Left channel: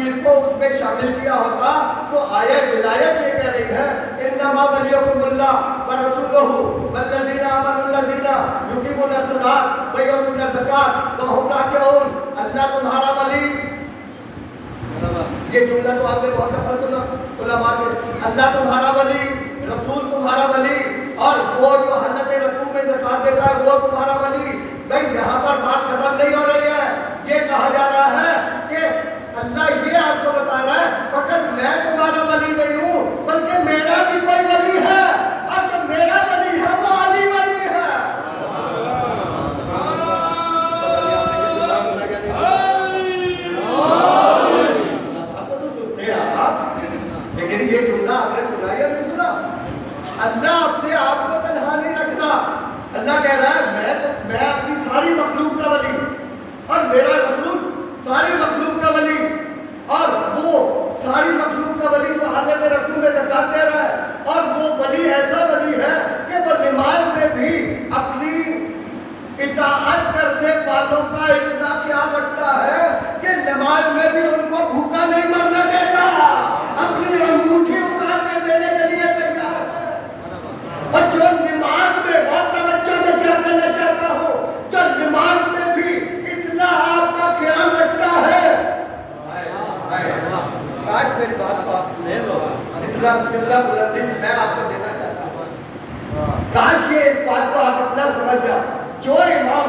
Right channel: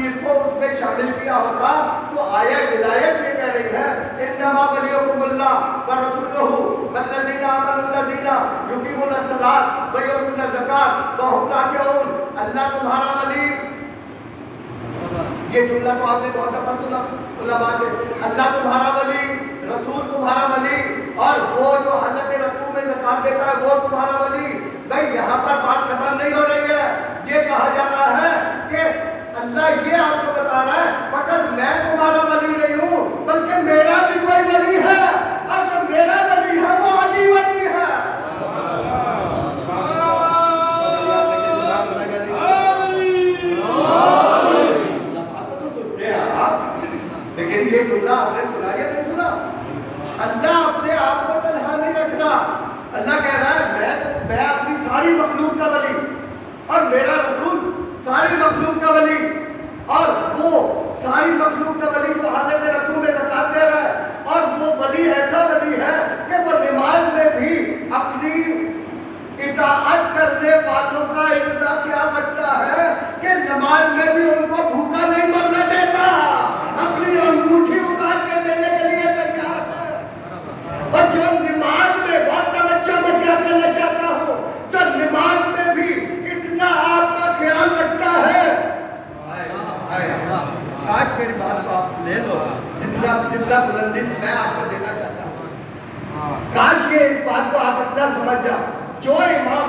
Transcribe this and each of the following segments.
تفصیل کو اس میں شامل کیا ہوتا تو آیہ ولایت یہ کہہ رہی ہے انما ولیکم اللہ ورسولہ والذین آمنوا الذین یقیمون الصلاۃ ویؤتون الزکاۃ وهم راکعون. اللہ تمہارا ولی، یہ جملہ تو آپ نے بہت دفعہ سنا علماء سے. اللہ تمہارا ولی، رسول تمہارا ولی، اور وہ جو حالت رکوع میں زکات دیتا ہے وہ تمہارا ولی. بھائی یہاں پر بات ختم نہیں ہو رہی ہے. یہ کہا جا رہا ہے کہ اللہ یہ آپ کو بتا رہا ہے فقط میں تمہارا ولی نہیں ہوں بلکہ میرا بھی کوئی ولی ہے، اور جو میرا ولی ہے وہ علی ولی ہے. لیکن یہ جملہ آپ نے سنا یا نہیں سنا؟ اللہ اپنے آپ کو تنہا نہیں رکھتا. اللہ کہہ رہا ہے میں اپنی ساری مخلوق کا ولی، اور میرا رسول ساری مخلوق کا ولی، اور وہ ساری مخلوق کا ولی جو حالت رکوع میں زکات دے رہا ہے. اور وہ ولی ایسا ولی ہے کہ وہ نماز میں بھی اپنی اطاعت کرنے والوں کا اتنا خیال رکھتا ہے کہ نماز میں بھی ان کو بھوکا نہیں مرنے دیتا، اپنی انگوٹھی اتار کے دینے کے لیے تیار ہے. اور جو نماز میں بہت توجہ میں کیا کرنا چاہتا ہوں، جو نماز میں بھی اتنا آپ کا خیال رکھتا ہے. آج میری بات کو آپ سنے لو، جتنا بلندی سے میں آپ کو دینا چاہتا ہوں، کاش یہ اس بات کو آپ اپنا سمجھ جاؤ. جو امام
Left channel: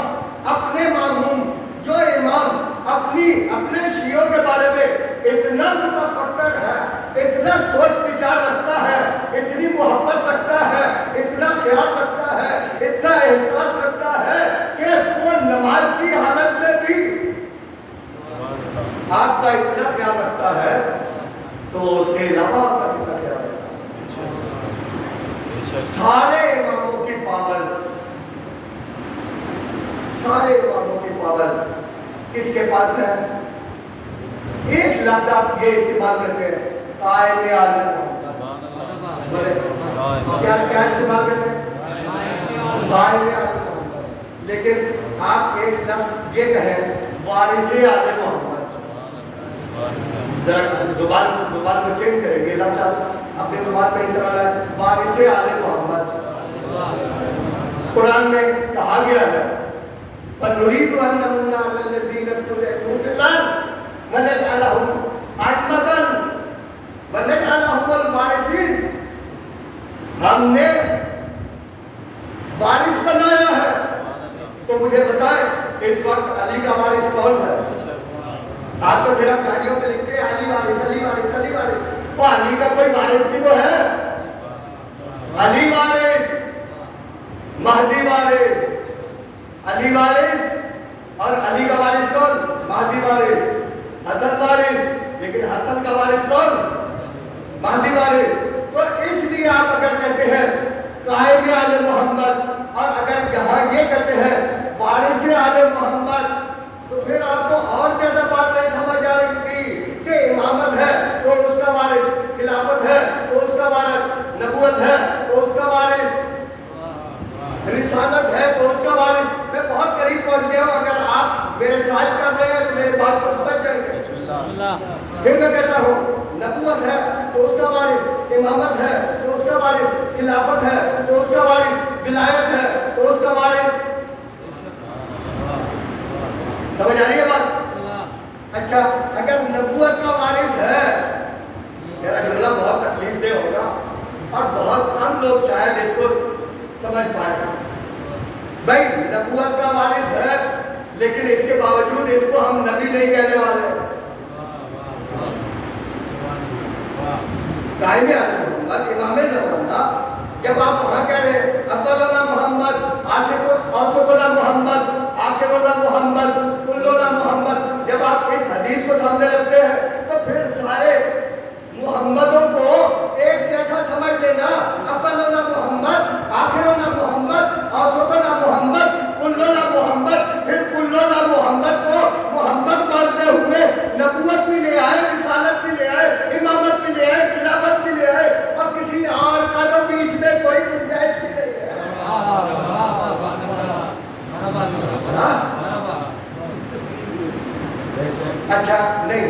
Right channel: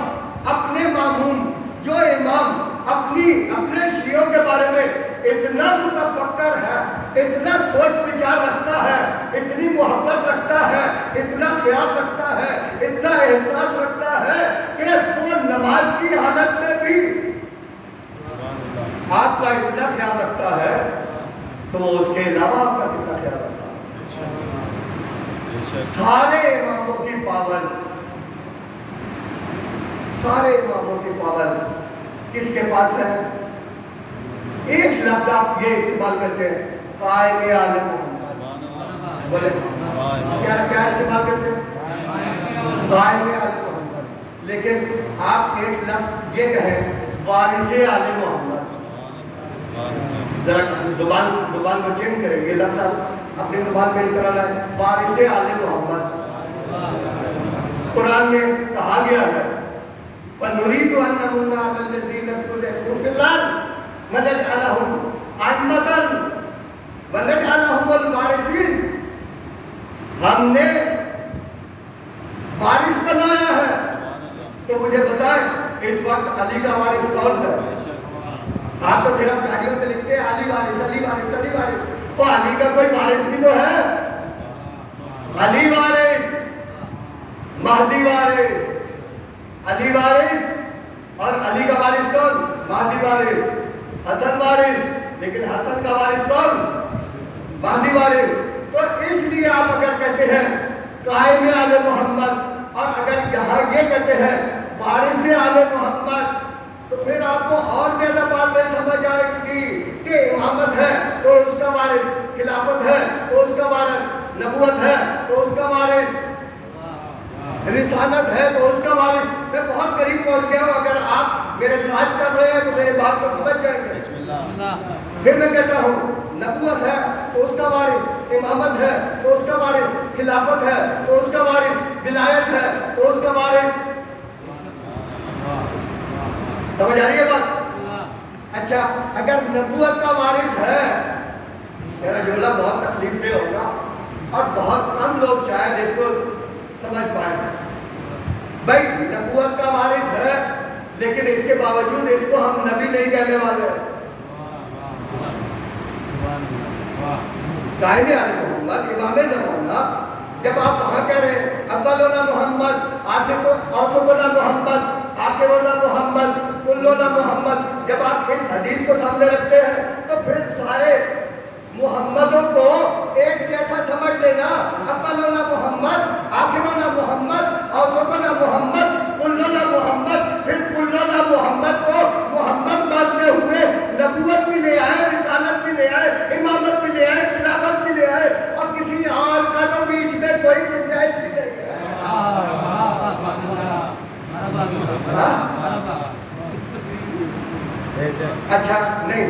اپنے ماموم، جو امام اپنے شیعوں کے بارے میں اتنا متفکر ہے، اتنا سوچ بچار رکھتا ہے، اتنی محبت رکھتا ہے، اتنا خیال رکھتا ہے، اتنا احساس رکھتا ہے کہ وہ نماز کی حالت میں بھی آپ کا اتنا خیال رکھتا ہے تو اس کے علاوہ آپ کا کتنا خیال رکھتا ہے. سارے اماموں کی پاور، سارے اماموں کی پاور کس کے پاس ہے؟ ایک لفظ آپ یہ استعمال کرتے ہیں، قائم آل محمد. بولے کیا استعمال کرتے ہیں؟ قائم آل محمد. لیکن آپ ایک لفظ یہ کہیں وارث آل محمد. ذرا زبان کو چینج کریں، یہ لفظ اپنی زبان پہ استعمال ہے، وارث آل محمد. قرآن میں کہا گیا ہے وَنُرِيدُ أَن نَّمُنَّ عَلَى الَّذِينَ اسْتُضْعِفُوا فِي الْأَرْضِ وَنَجْعَلَهُمْ أَئِمَّةً وَنَجْعَلَهُمُ الْوَارِثِينَ. ہم نے وارث بنایا ہے. تو مجھے بتائیں اس وقت علی کا وارث کون ہے؟ آپ تو صرف گاڑیوں پہ لکھتے ہیں علی وارث، علی وارث، علی وارث. وہ علی کا کوئی وارث بھی تو ہے. علی وارث، مہدی وارث، علی وارث، اور علی کا وارث کون؟ مہدی وارث. حسن وارث، لیکن حسن کا وارث کون؟ مہدی وارث. تو اس لیے آپ اگر کہتے ہیں قائم آل محمد، اور اگر جہاں یہ کہتے ہیں وارث آل محمد، تو پھر آپ کو اور زیادہ باتیں سمجھ آئے گی کہ امامت ہے تو اس کا وارث، خلافت ہے تو اس کا وارث، نبوت ہے تو اس کا وارث، رسالت ہے تو اس کا وارث. میں بہت قریب پہنچ گیا ہوں. اگر آپ میرے ساتھ چل رہے ہیں تو میری بات کو سمجھ جائیں گے. پھر میں کہتا ہوں نبوت ہے تو اس کا وارث، امامت ہے تو اس کا وارث، خلافت ہے تو اس کا وارث، ولایت ہے تو اس کا وارث. سمجھ آ رہی ہے بات؟ اچھا اگر نبوت کا وارث ہے، میرا جملہ بہت تکلیف دہ ہوگا اور بہت کم لوگ شاید اس کو سمجھ پائے. بھائی نبوت کا وارث ہے لیکن اس کے باوجود اس کو ہم نبی نہیں کہنے والے. قائم آل محمد، امام زمانہ، جب آپ وہاں کہہ رہے ہیں اولنا محمد، اوسطنا محمد، آخرنا محمد، کلنا محمد، جب آپ اس حدیث کو سامنے رکھتے ہیں تو پھر سارے محمدوں کو ایک جیسا سمجھ لینا. اولنا محمد، آخرنا محمد، اوسطنا محمد، کلنا محمد. پھر کلنا محمد کو محمد مانتے ہوئے نبوت بھی لے آئے، رسالت بھی لے آئے، امامت بھی لے آئے، خلافت بھی لے آئے، اور کسی اور کا تو بیچ میں کوئی گنجائش بھی نہیں ہے. اچھا نہیں،